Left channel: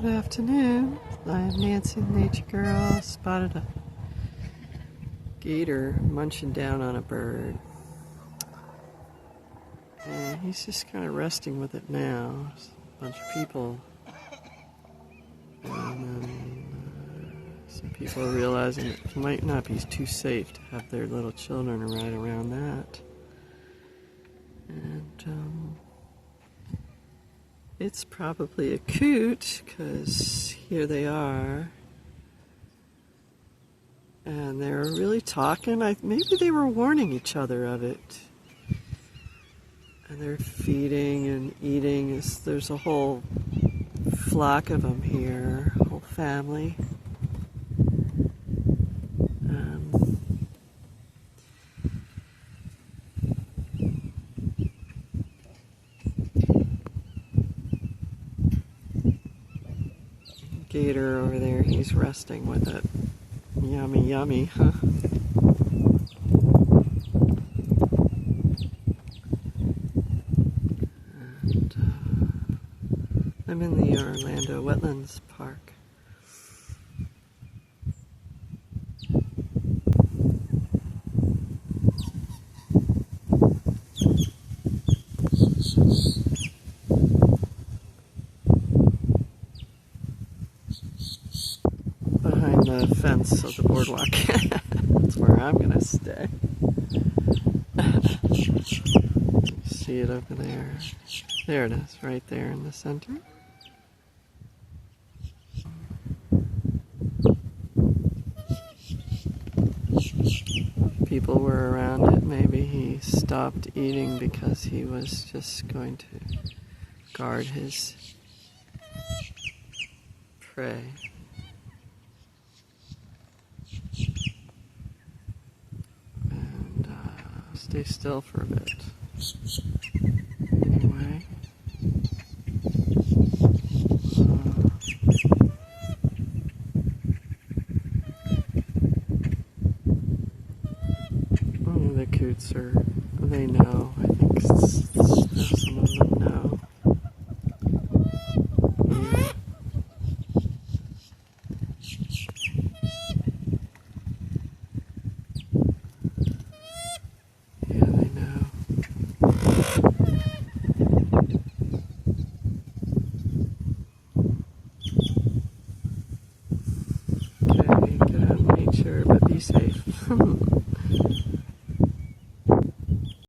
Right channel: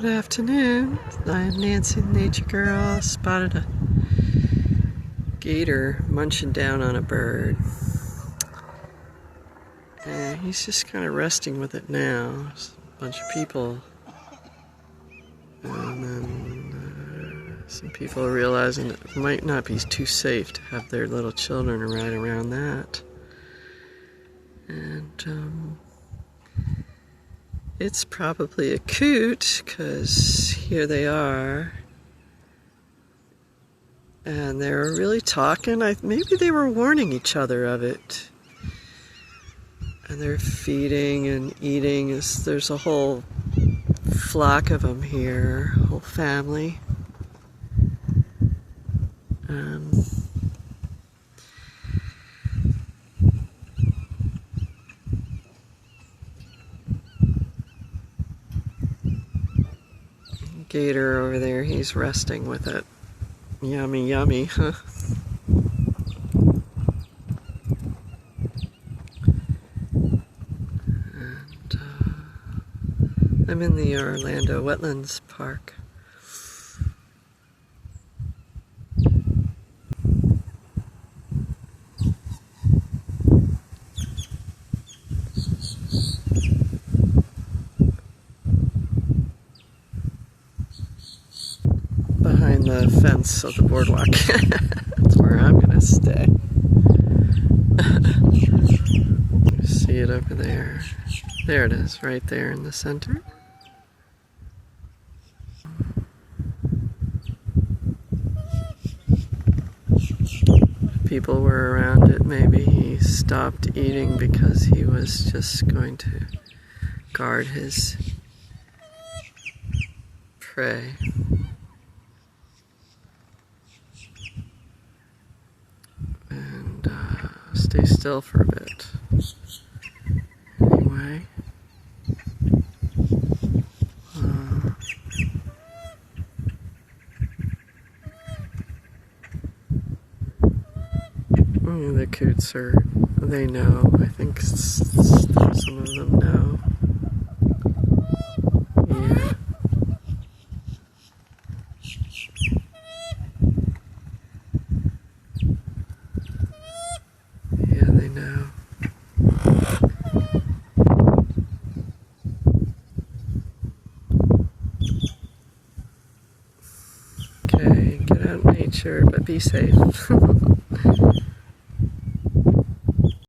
Good afternoon. I'm Nancy, the nature girl. Spotted a gator munching down on a bird. And he's just kind of resting with it now. There's a bunch of people. And then some people are realizing that it might not be too safe to have their little children right around that. And it's probably a coot, because here they are. And they're really talking. Maybe they were warning each other of it. And they're feeding and eating. There's a whole flock of them here, a whole family. Gator over there, he's resting with it. Yummy, yummy, huh? And I'm in the Orlando Wetlands Park. Behind the fence of the boardwalk. That's where I'm gonna stay. See it over there. There it is, right there in the center. If people were around it, maybe he stopped eating because he was just going to guard his prey. Stay still for a bit. Anyway. The coots they know. I think some of them know. Yeah. They know. Okay, get out in nature, but be safe.